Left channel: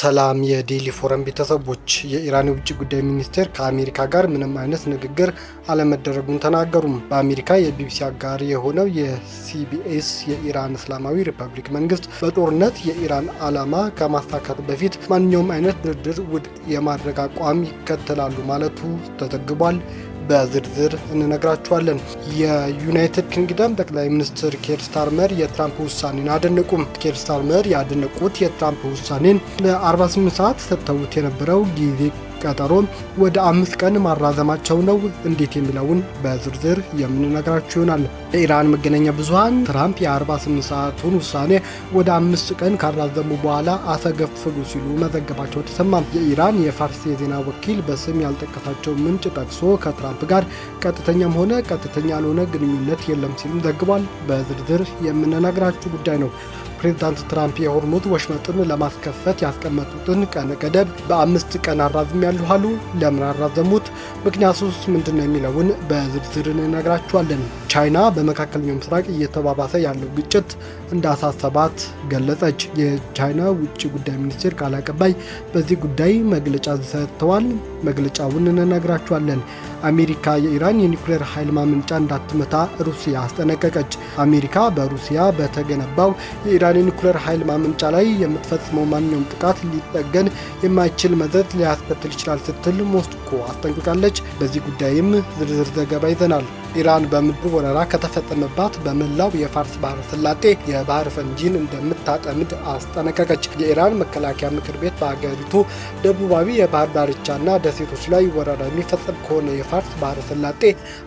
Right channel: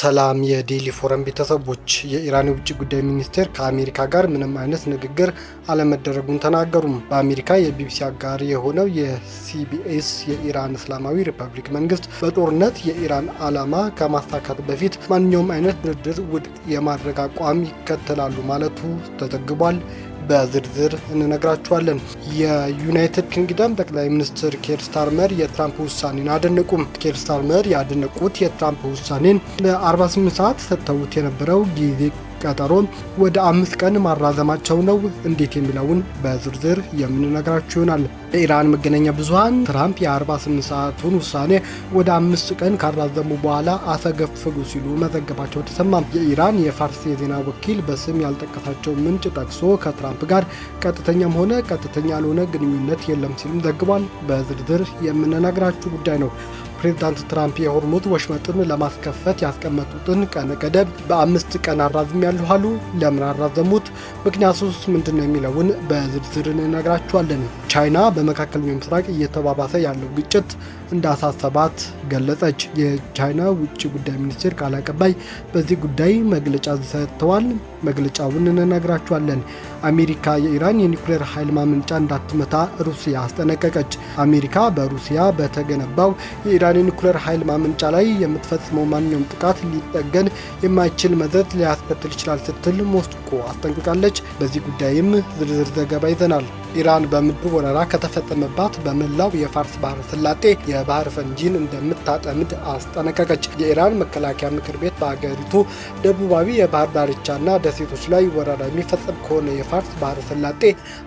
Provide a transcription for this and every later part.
ሰላም የዴሊ ፎረም ቤተሰቦች፣ የኢራን የውጭ ጉዳይ ሚኒስቴር ከአሜሪካ ጋር ምንም አይነት ንግግር አለመደረጉን ተናገሩ። በአሜሪካ የቢቢሲ አጋር የሆነው የሲቢኤስ የኢራን እስላማዊ ሪፐብሊክ መንግስት በጦርነት የኢራን ዓላማ ከማሳካት በፊት ማንኛውም አይነት ድርድር ውድቅ የማድረግ አቋም ይከተላሉ ማለቱ ተዘግቧል። በዝርዝር እንነግራችኋለን። የዩናይትድ ኪንግደም ጠቅላይ ሚኒስትር ኬር ስታርመር የትራምፕ ውሳኔን አደነቁም። ኬር ስታርመር ያደነቁት የትራምፕ ውሳኔን ለ48 ሰዓት ሰጥተውት የነበረው ጊዜ ቀጠሮ ወደ 5 ቀን ማራዘማቸው ነው። እንዴት የሚለውን በዝርዝር የምንነግራችሁ ይሆናል። የኢራን መገናኛ ብዙሃን ትራምፕ የ48 ሰዓቱን ውሳኔ ወደ 5 ቀን ካራዘሙ በኋላ አፈገፈጉ ሲሉ መዘገባቸው ተሰማ። የኢራን የፋርስ የዜና ወኪል በስም ያልጠቀሳቸው ምንጭ ጠቅሶ ከትራምፕ ጋር ቀጥተኛም ሆነ ቀጥተኛ ያልሆነ ግንኙነት የለም ሲሉም ዘግቧል። በዝርዝር የምንነግራችሁ ጉዳይ ነው። ፕሬዝዳንት ትራምፕ የሆርሙዝ ወሽመጥን ለማስከፈት ያስቀመጡትን ቀነ ገደብ በ5 ቀን አራዝሜያለሁ አሉ። ለምን አራዘሙት? ምክንያቱስ ምንድነው የሚለውን በዝርዝር እንነግራችኋለን። ቻይና በመካከለኛው ምስራቅ እየተባባሰ ያለው ግጭት እንዳሳሰባት ገለጸች። የቻይና ውጭ ጉዳይ ሚኒስቴር ቃል አቀባይ በዚህ ጉዳይ መግለጫ ሰጥተዋል። መግለጫውን እንነግራችኋለን። አሜሪካ የኢራን የኒውክሌር ኃይል ማመንጫ እንዳትመታ ሩሲያ አስጠነቀቀች። አሜሪካ በሩሲያ በተገነባው የኢራን የኒውክሌር ኃይል ማመንጫ ላይ የምትፈጽመው ማንኛውም ጥቃት ሊጠገን የማይችል መዘዝ ሊያስከትል ይችላል ስትል ሞስኮ አስጠንቅቃለች። በዚህ ጉዳይም ዝርዝር ዘገባ ይዘናል። ኢራን በምድር ወረራ ከተፈጸመባት በመላው የፋርስ ባህረ ሰላጤ የባህር ፈንጂን እንደምታጠምድ አስጠነቀቀች። የኢራን መከላከያ ምክር ቤት በአገሪቱ ደቡባዊ የባህር ዳርቻና ደሴቶች ላይ ወረራ የሚፈጸም ከሆነ የፋርስ ባህረ ሰላጤ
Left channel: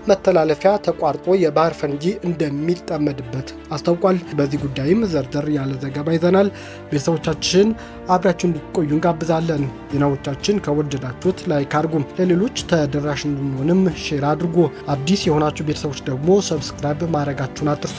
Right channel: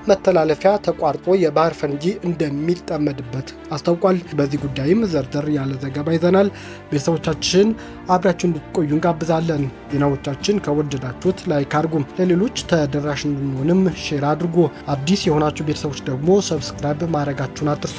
መተላለፊያ ተቋርጦ የባህር ፈንጂ እንደሚጠመድበት አስታውቋል። በዚህ ጉዳይም ዘርዘር ያለ ዘገባ ይዘናል። ቤተሰቦቻችን አብራችሁ እንድትቆዩ እንጋብዛለን። ዜናዎቻችን ከወደዳችሁት ላይክ አድርጉ፣ ለሌሎች ተደራሽ እንድንሆንም ሼር አድርጉ። አዲስ የሆናችሁ ቤተሰቦች ደግሞ ሰብስክራይብ ማድረጋችሁን አትርሱ።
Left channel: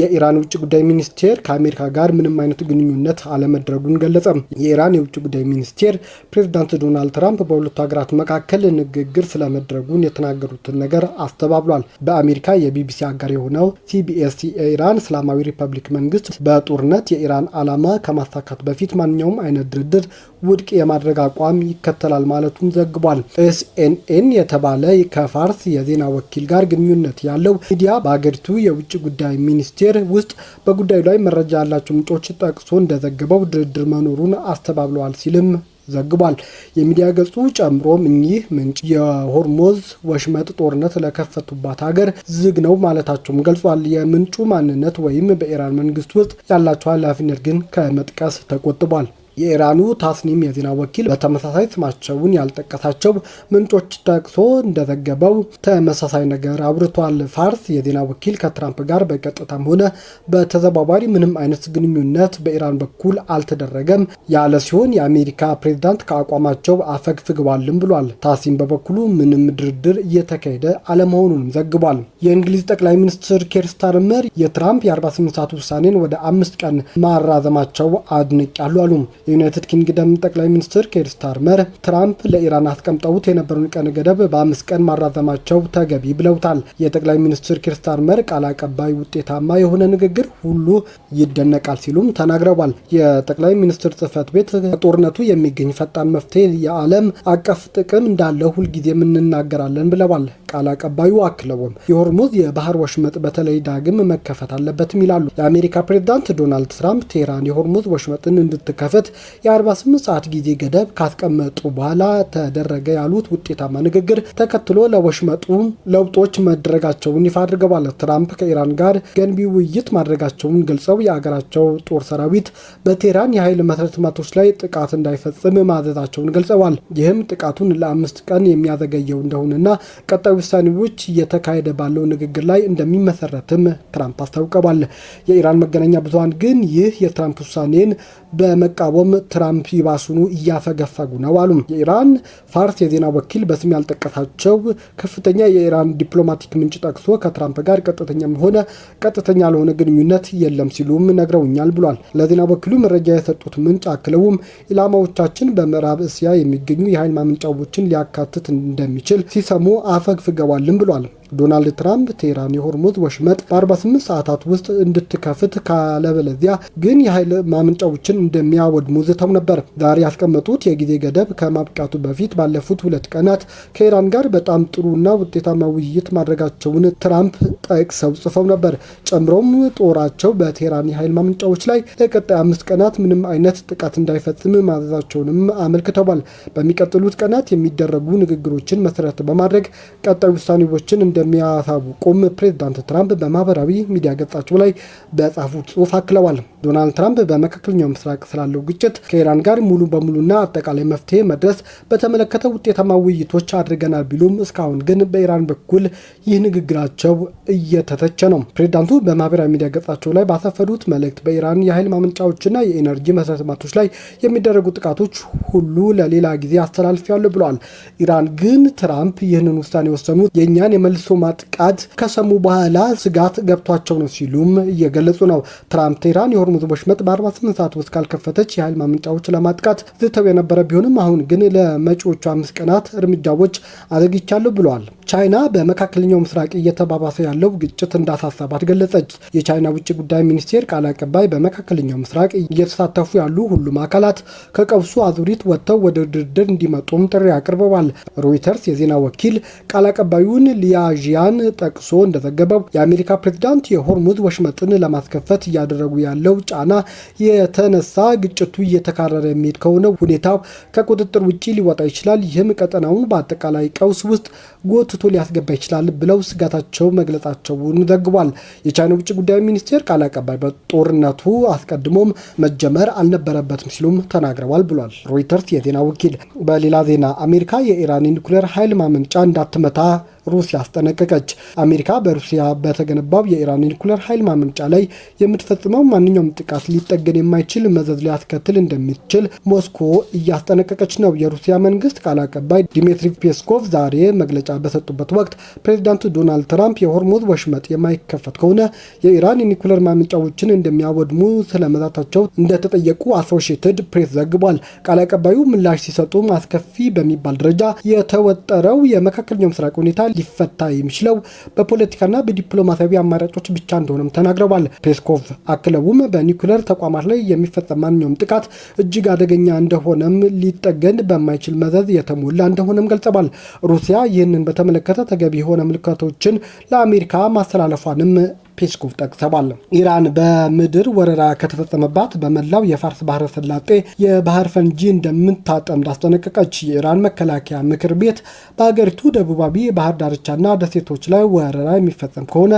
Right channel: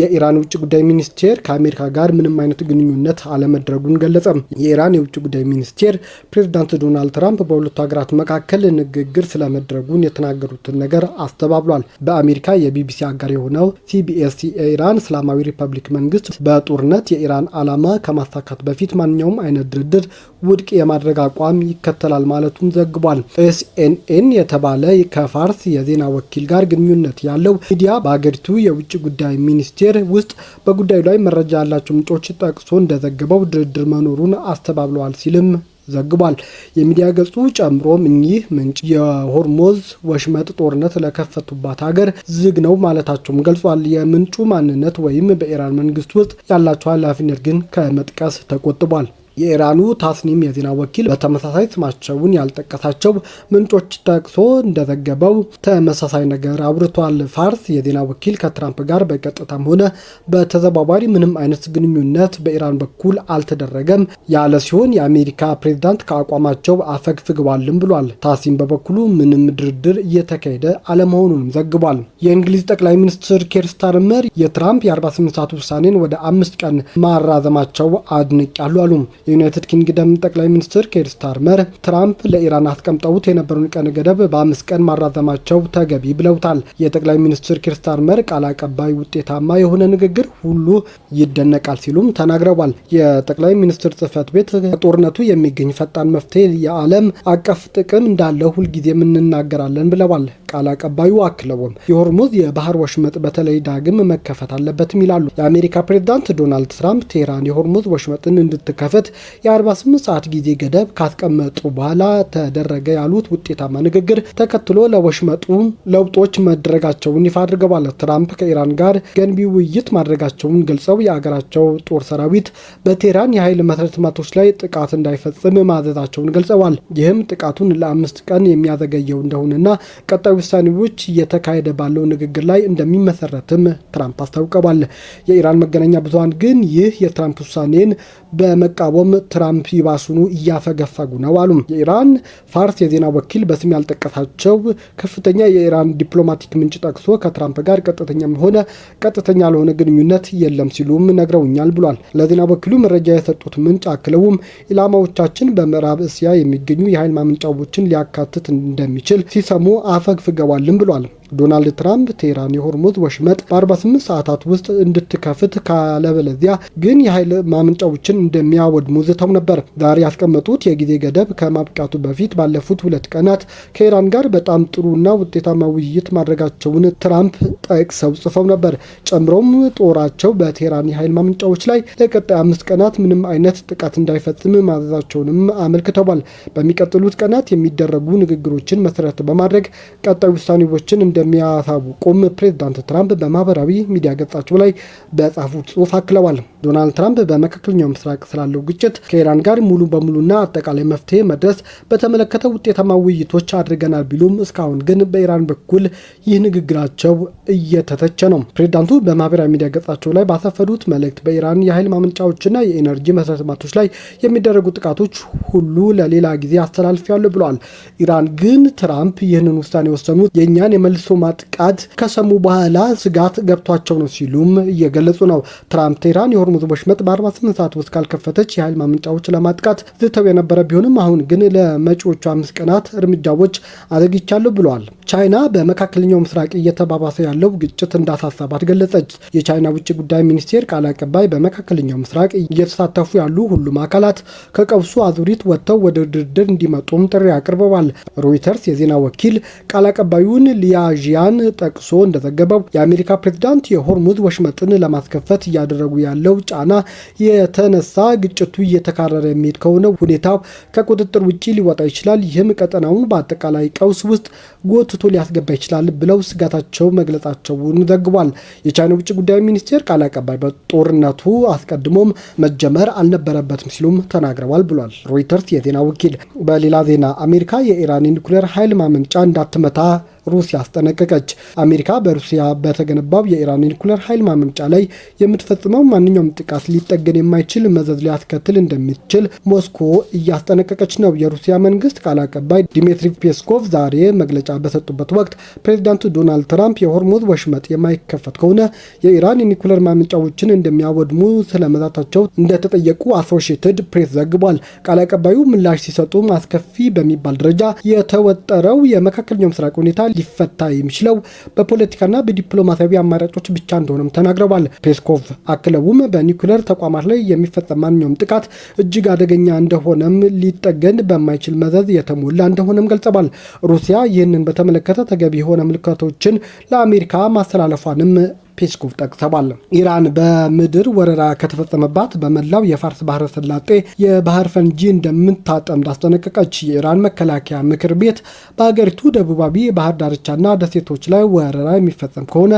የኢራን ውጭ ጉዳይ ሚኒስቴር ከአሜሪካ ጋር ምንም አይነት ግንኙነት አለመድረጉን ገለጸ። የኢራን የውጭ ጉዳይ ሚኒስቴር ፕሬዝዳንት ዶናልድ ትራምፕ በሁለቱ ሀገራት መካከል ንግግር ስለመድረጉን የተናገሩትን ነገር አስተባብሏል። በአሜሪካ የቢቢሲ አጋር የሆነው ሲቢኤስ የኢራን እስላማዊ ሪፐብሊክ መንግስት በጦርነት የኢራን ዓላማ ከማሳካት በፊት ማንኛውም አይነት ድርድር ውድቅ የማድረግ አቋም ይከተላል ማለቱን ዘግቧል። ኤስኤንኤን የተባለ ከፋርስ የዜና ወኪል ጋር ግንኙነት ያለው ሚዲያ በአገሪቱ የውጭ ጉዳይ ሚኒስቴር ውስጥ በጉዳዩ ላይ መረጃ ያላቸው ምንጮች ጠቅሶ እንደዘገበው ድርድር መኖሩን አስተባብለዋል ሲልም ዘግቧል። የሚዲያ ገጹ ጨምሮም እኚህ ምንጭ የሆርሙዝ ወሽመጥ ጦርነት ለከፈቱባት ሀገር ዝግ ነው ማለታቸውም ገልጿል። የምንጩ ማንነት ወይም በኢራን መንግስት ውስጥ ያላቸው ኃላፊነት ግን ከመጥቀስ ተቆጥቧል። የኢራኑ ታስኒም የዜና ወኪል በተመሳሳይ ስማቸውን ያልጠቀሳቸው ምንጮች ጠቅሶ እንደዘገበው ተመሳሳይ ነገር አውርቷል። ፋርስ የዜና ወኪል ከትራምፕ ጋር በቀጥታም ሆነ በተዘዋዋሪ ምንም አይነት ግንኙነት በኢራን በኩል አልተደረገም ያለ ሲሆን የአሜሪካ ፕሬዝዳንት ከአቋማቸው አፈግፍገዋልም ብሏል። ታሲም በበኩሉ ምንም ድርድር እየተካሄደ አለመሆኑንም ዘግቧል። የእንግሊዝ ጠቅላይ ሚኒስትር ኬር ስታርመር የትራምፕ የ48 ሰዓት ውሳኔን ወደ 5 ቀን ማራዘማቸው አድንቄያለሁ አሉ። የዩናይትድ ኪንግደም ጠቅላይ ሚኒስትር ኬር ስታርመር ትራምፕ ለኢራን አስቀምጠውት የነበረውን ቀን ገደብ በ5 ቀን ማራዘማቸው ተገቢ ብለውታል። የጠቅላይ ሚኒስትር ኬር ስታርመር ቃል አቀባይ ውጤታማ የሆነ ንግግር ሁሉ ይደነቃል ሲሉም ተናግረዋል። የጠቅላይ ሚኒስትር ጽህፈት ቤት ከጦርነቱ የሚገኝ ፈጣን መፍትሄ የዓለም አቀፍ ጥቅም እንዳለው ሁልጊዜም እንናገራለን ብለዋል። ቃል አቀባዩ አክለውም የሆርሙዝ የባህር ወሽመጥ በተለይ ዳግም መከፈት አለበትም ይላሉ። የአሜሪካ ፕሬዝዳንት ዶናልድ ትራምፕ ቴህራን የሆርሙዝ ወሽመጥን እንድትከፈት የ48 ሰዓት ጊዜ ገደብ ካስቀመጡ በኋላ ተደረገ ያሉት ውጤታማ ንግግር ተከትሎ ለወሽመጡ ለውጦች መደረጋቸውን ይፋ አድርገዋል። ትራምፕ ከኢራን ጋር ገንቢ ውይይት ማድረጋቸውን ገልጸው የአገራቸው ጦር ሰራዊት በቴህራን የኃይል መሰረተ ልማቶች ላይ ጥቃት እንዳይፈጽም ማዘዛቸውን ገልጸዋል። ይህም ጥቃቱን ለ5 ቀን የሚያዘገየው እንደሆነና ቀጣዩ ውሳኔዎች እየተካሄደ ባለው ንግግር ላይ እንደሚመሰረትም ትራምፕ አስታውቀዋል። የኢራን መገናኛ ብዙሃን ግን ይህ የትራምፕ ውሳኔን በመቃወም ትራምፕ ይባሱኑ እያፈገፈጉ ነው አሉ። የኢራን ፋርስ የዜና ወኪል በስም ያልጠቀሳቸው ከፍተኛ የኢራን ዲፕሎማቲክ ምንጭ ጠቅሶ ከትራምፕ ጋር ቀጥተኛም ሆነ ቀጥተኛ ያልሆነ ግንኙነት የለም ሲሉም ነግረውኛል ብሏል። ለዜና ወኪሉ መረጃ የሰጡት ምንጭ አክለውም ኢላማዎቻችን በምዕራብ እስያ የሚገኙ የኃይል ማመንጫዎችን ሊያካትት እንደሚችል ሲሰሙ አፈግፍገዋልም ብሏል። ዶናልድ ትራምፕ ቴህራን የሆርሙዝ ወሽመጥ በ48 ሰዓታት ውስጥ እንድትከፍት ካለበለዚያ ግን የኃይል ማመንጫዎችን እንደሚያወድሙ ዝተው ነበር። ዛሬ ያስቀመጡት የጊዜ ገደብ ከማብቃቱ በፊት ባለፉት 2 ቀናት ከኢራን ጋር በጣም ጥሩና ውጤታማ ውይይት ማድረጋቸውን ትራምፕ ጠቅሰው ጽፈው ነበር። ጨምሮም ጦራቸው በቴህራን የኃይል ማመንጫዎች ላይ ለቀጣይ 5 ቀናት ምንም አይነት ጥቃት እንዳይፈጽም ማዘዛቸውንም አመልክተዋል። በሚቀጥሉት ቀናት የሚደረጉ ንግግሮችን መሰረት በማድረግ ቀጣይ ውሳኔዎችን እንደሚያሳውቁም ፕሬዝዳንት ትራምፕ በማህበራዊ ሚዲያ ገጻቸው ላይ በጻፉት ጽሑፍ አክለዋል። ዶናልድ ትራምፕ በመካከለኛው ምስራቅ ስላለው ግጭት ከኢራን ጋር ሙሉ በሙሉና አጠቃላይ መፍትሄ መድረስ በተመለከተ ውጤታማ ውይይቶች አድርገናል ቢሉም እስካሁን ግን በኢራን በኩል ይህ ንግግራቸው እየተተቸ ነው። ፕሬዝዳንቱ በማህበራዊ ሚዲያ ገጻቸው ላይ ባሰፈሩት መልእክት በኢራን የኃይል ማመንጫዎችና የኤነርጂ መሰረተ ልማቶች ላይ የሚደረጉ ጥቃቶች ሁሉ ለሌላ ጊዜ አስተላልፊያለሁ ብለዋል። ኢራን ግን ትራምፕ ይህንን ውሳኔ የወሰኑት የእኛን የመልሶ ማጥቃት ከሰሙ በኋላ ስጋት ገብቷቸው ነው ሲሉም እየገለጹ ነው። ትራምፕ ቴህራን የሆርሙዝ ወሽመጥ በ48 ሰዓት ውስጥ ካልከፈተች የኃይል ማመንጫዎች ለማጥቃት ዝተው የነበረ ቢሆንም አሁን ግን ለመጪዎቹ 5 ቀናት እርምጃዎች አዘግይቻለሁ ብለዋል። ቻይና በመካከለኛው ምስራቅ እየተባባሰ ያለው ግጭት እንዳሳሰባት ገለጸች። የቻይና ውጭ ጉዳይ ሚኒስቴር ቃል አቀባይ በመካከለኛው ምስራቅ እየተሳተፉ ያሉ ሁሉም አካላት ከቀውሱ አዙሪት ወጥተው ወደ ድርድር እንዲመጡም ጥሪ አቅርበዋል። ሮይተርስ የዜና ወኪል ቃል አቀባዩን ሊያዥያን ጠቅሶ እንደዘገበው የአሜሪካ ፕሬዝዳንት የሆርሙዝ ወሽመጥን ለማስከፈት እያደረጉ ያለው ጫና የተነሳ ግጭቱ እየተካረረ የሚሄድ ከሆነ ሁኔታው ከቁጥጥር ውጭ ሊወጣ ይችላል፣ ይህም ቀጠናውን በአጠቃላይ ቀውስ ውስጥ ጎትቶ ሊያስገባ ይችላል ብለው ስጋታቸው መግለጻቸውን ዘግቧል። የቻይና ውጭ ጉዳይ ሚኒስቴር ቃል አቀባይ በጦርነቱ አስቀድሞም መጀመር አልነበረበትም ሲሉም ተናግረዋል ብሏል ሮይተርስ የዜና ወኪል። በሌላ ዜና አሜሪካ የኢራን ኒውክሌር ኃይል ማመንጫ እንዳትመታ ሩሲያ አስጠነቀቀች። አሜሪካ በሩሲያ በተገነባው የኢራን ኒውክሌር ኃይል ማመንጫ ላይ የምትፈጽመው ማንኛውም ጥቃት ሊጠገን የማይችል መዘዝ ሊያስከትል እንደሚችል ሞስኮ እያስጠነቀቀች ነው። የሩሲያ መንግስት ቃል አቀባይ ዲሚትሪ ፔስኮቭ ዛሬ መግለጫ በሰጡበት ወቅት ፕሬዚዳንት ዶናልድ ትራምፕ የሆርሙዝ ወሽመጥ የማይከፈት ከሆነ የኢራን የኒውክሌር ማመንጫዎችን እንደሚያወድሙ ስለመዛታቸው እንደተጠየቁ አሶሺየትድ ፕሬስ ዘግቧል። ቃል አቀባዩ ምላሽ ሲሰጡ አስከፊ በሚባል ደረጃ የተወጠረው የመካከለኛው ምስራቅ ሁኔታ ሊፈታ የሚችለው በፖለቲካና በዲፕሎማሲያዊ አማራጮች ብቻ እንደሆነም ተናግረዋል። ፔስኮቭ አክለውም በኒውክሌር ተቋማት ላይ የሚፈጸም ማንኛውም ጥቃት እጅግ አደገኛ እንደሆነም ሊጠገን በማይችል መዘዝ የተሞላ እንደሆነም ገልጸዋል። ሩሲያ ይህንን በተመለከተ ተገቢ የሆነ ምልክቶችን ለአሜሪካ ማስተላለፏንም ፔስኮቭ ጠቅሰዋል። ኢራን በምድር ወረራ ከተፈጸመባት በመላው የፋርስ ባህረ ሰላጤ የባህር ፈንጂ እንደምታጠምድ አስጠነቀቀች። የኢራን መከላከያ ምክር ቤት በሀገሪቱ ደቡባዊ የባህር ዳርቻና ደሴቶች ላይ ወረራ የሚፈጸም ከሆነ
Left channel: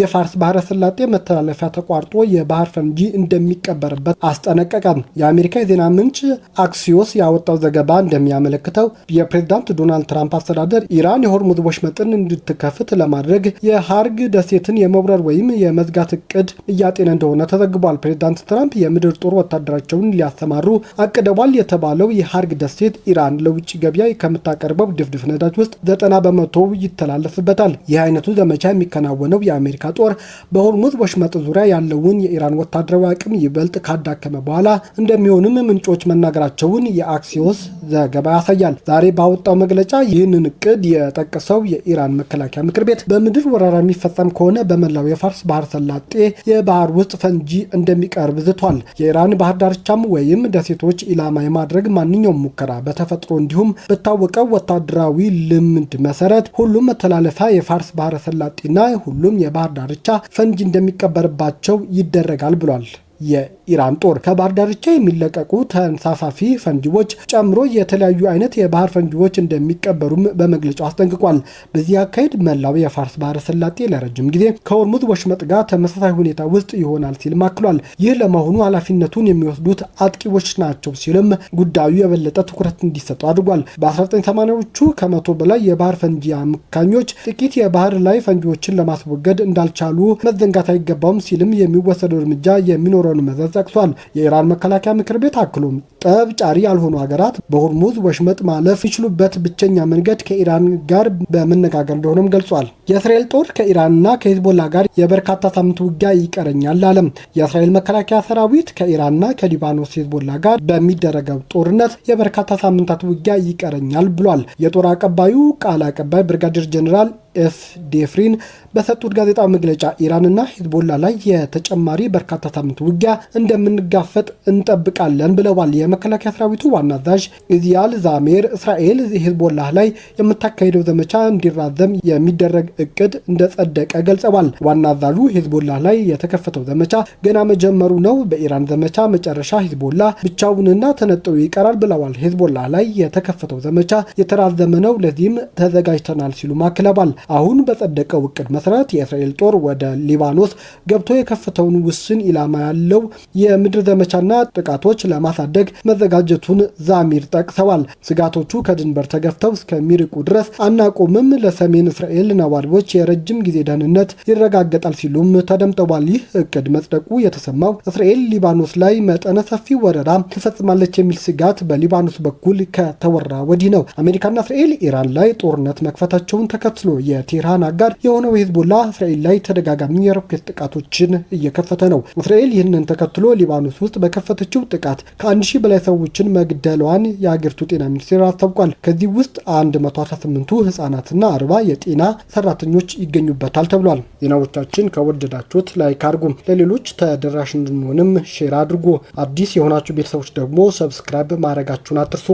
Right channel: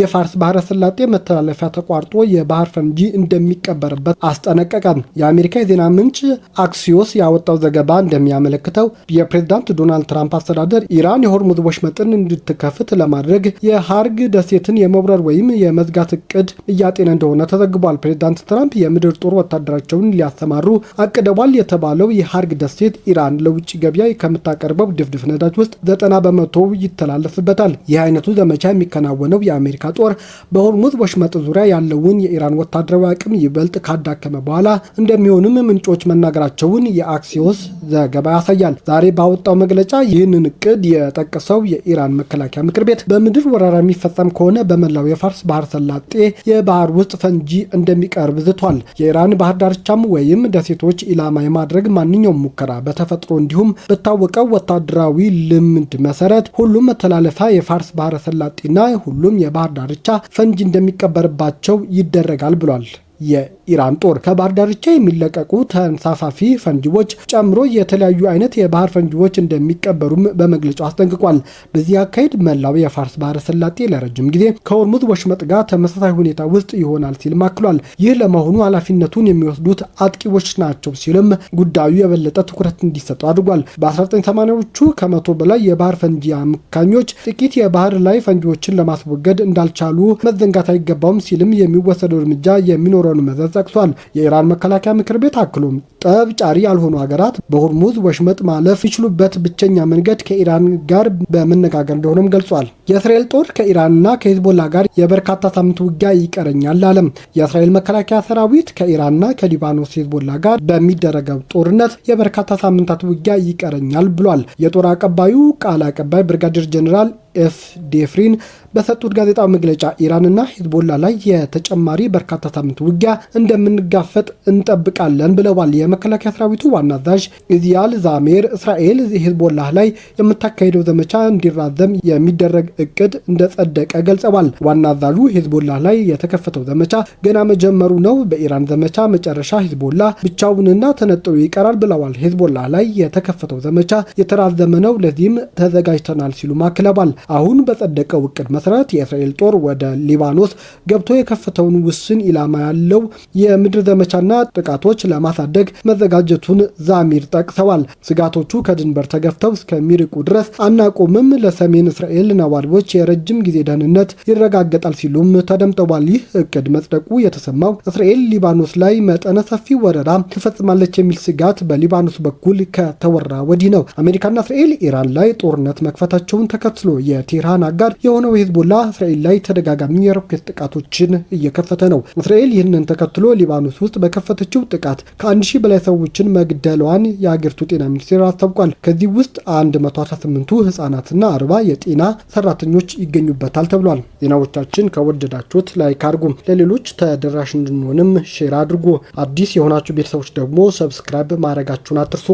የፋርስ ባህረ ሰላጤ መተላለፊያ ተቋርጦ የባህር ፈንጂ እንደሚቀበርበት አስጠነቀቀ። የአሜሪካ የዜና ምንጭ አክሲዮስ ያወጣው ዘገባ እንደሚያመለክተው የፕሬዝዳንት ዶናልድ ትራምፕ አስተዳደር ኢራን የሆርሙዝ ወሽመጥን እንድትከፍት ለማድረግ የሀርግ ደሴትን የመውረር ወይም የመዝጋት እቅድ እያጤነ እንደሆነ ተዘግቧል። ፕሬዝዳንት ትራምፕ የምድር ጦር ወታደራቸውን ሊያሰማሩ አቅደዋል የተባለው የሀርግ ደሴት ኢራን ለውጭ ገበያ ከምታቀርበው ድፍድፍ ነዳጅ ውስጥ 90% ይተላለፍበታል። ይህ አይነቱ ዘመቻ የሚከናወነው የአሜሪካ ጦር በሆርሙዝ ወሽመጥ ዙሪያ ያለውን የኢራን ወታደራዊ አቅም ይበልጥ ካዳከመ በኋላ እንደሚሆንም ምንጮች መናገራቸውን የአክሲዮስ ዘገባ ያሳያል። ዛሬ ባወጣው መግለጫ ይህንን እቅድ የጠቀሰው የኢራን መከላከያ ምክር ቤት በምድር ወረራ የሚፈጸም ከሆነ በመላው የፋርስ ባህረ ሰላጤ የባህር ውስጥ ፈንጂ እንደሚቀርብ ዝቷል። የኢራን ባህር ዳርቻም ወይም ደሴቶች ኢላማ የማድረግ ማንኛውም ሙከራ በተፈጥሮ እንዲሁም በታወቀው ወታደራዊ ልምድ መሰረት ሁሉም መተላለፊያ የፋርስ ባህረ ሰላጤና ሁሉም የባህር ዳርቻ ፈንጂ እንደሚቀበርባቸው ይደረጋል ብሏል። የኢራን ጦር ከባህር ዳርቻ የሚለቀቁ ተንሳፋፊ ፈንጂዎች ጨምሮ የተለያዩ አይነት የባህር ፈንጂዎች እንደሚቀበሩም በመግለጫው አስጠንቅቋል። በዚህ አካሄድ መላው የፋርስ ባህረ ሰላጤ ለረጅም ጊዜ ከሆርሙዝ ወሽመጥ ጋር ተመሳሳይ ሁኔታ ውስጥ ይሆናል ሲል አክሏል። ይህ ለመሆኑ ኃላፊነቱን የሚወስዱት አጥቂዎች ናቸው ሲልም ጉዳዩ የበለጠ ትኩረት እንዲሰጠው አድርጓል። በ1980ዎቹ ከመቶ በላይ የባህር ፈንጂ አምካኞች ጥቂት የባህር ላይ ፈንጂዎችን ለማስወገድ እንዳልቻሉ መዘንጋት አይገባውም ሲልም የሚወሰደው እርምጃ የሚኖረውን መዘዝ ጠቅሷል። የኢራን መከላከያ ምክር ቤት አክሎም ጠብ ጫሪ ያልሆኑ ሀገራት በሆርሙዝ ወሽመጥ ማለፍ ይችሉበት ብቸኛ መንገድ ከኢራን ጋር በመነጋገር እንደሆነም ገልጿል። የእስራኤል ጦር ከኢራንና ከሂዝቦላ ጋር የበርካታ ሳምንት ውጊያ ይቀረኛል አለም። የእስራኤል መከላከያ ሰራዊት ከኢራንና ከሊባኖስ ሂዝቦላ ጋር በሚደረገው ጦርነት የበርካታ ሳምንታት ውጊያ ይቀረኛል ብሏል። የጦር አቀባዩ ቃል አቀባይ ብርጋዴር ጀኔራል ኤፍ ዴፍሪን በሰጡት ጋዜጣዊ መግለጫ ኢራንና ሂዝቦላ ላይ የተጨማሪ በርካታ ሳምንት ውጊያ እንደምንጋፈጥ እንጠብቃለን ብለዋል። የመከላከያ ሰራዊቱ ዋና አዛዥ ኢዚያል ዛሜር እስራኤል ሂዝቦላ ላይ የምታካሄደው ዘመቻ እንዲራዘም የሚደረግ እቅድ እንደጸደቀ ገልጸዋል። ዋና አዛዡ ሂዝቦላ ላይ የተከፈተው ዘመቻ ገና መጀመሩ ነው። በኢራን ዘመቻ መጨረሻ ሂዝቦላ ብቻውንና ተነጥሎ ይቀራል ብለዋል። ሂዝቦላ ላይ የተከፈተው ዘመቻ የተራዘመ ነው፣ ለዚህም ተዘጋጅተናል ሲሉ ማክለዋል። አሁን በጸደቀው እቅድ መሰረት የእስራኤል ጦር ወደ ሊባኖስ ገብቶ የከፈተውን ውስን ኢላማ ያለው የምድር ዘመቻና ጥቃቶች ለማሳደግ መዘጋጀቱን ዛሚር ጠቅሰዋል። ስጋቶቹ ከድንበር ተገፍተው እስከሚርቁ ድረስ አናቆምም፣ ለሰሜን እስራኤል ነዋሪዎች የረጅም ጊዜ ደህንነት ይረጋገጣል ሲሉም ተደምጠዋል። ይህ እቅድ መጽደቁ የተሰማው እስራኤል ሊባኖስ ላይ መጠነ ሰፊ ወረራ ትፈጽማለች የሚል ስጋት በሊባኖስ በኩል ከተወራ ወዲህ ነው። አሜሪካና እስራኤል ኢራን ላይ ጦርነት መክፈታቸውን ተከትሎ የቴህራን አጋር የሆነው ሂዝቦላ እስራኤል ላይ ተደጋጋሚ የሮኬት ጥቃቶችን እየከፈተ ነው። እስራኤል ይህንን ተከትሎ ሊባኖስ ውስጥ በከፈተችው ጥቃት ከ1000 በላይ ሰዎችን መግደሏን የአገሪቱ ጤና ሚኒስቴር አስታውቋል። ከዚህ ውስጥ 118ቱ ህጻናትና 40 የጤና ሰራተኞች ይገኙበታል ተብሏል። ዜናዎቻችን ከወደዳችሁት ላይክ አድርጉ፣ ለሌሎች ተደራሽ እንድንሆንም ሼር አድርጉ። አዲስ የሆናችሁ ቤተሰቦች ደግሞ ሰብስክራይብ ማድረጋችሁን አትርሱ።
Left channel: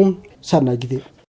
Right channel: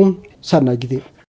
ሰናይ ጊዜ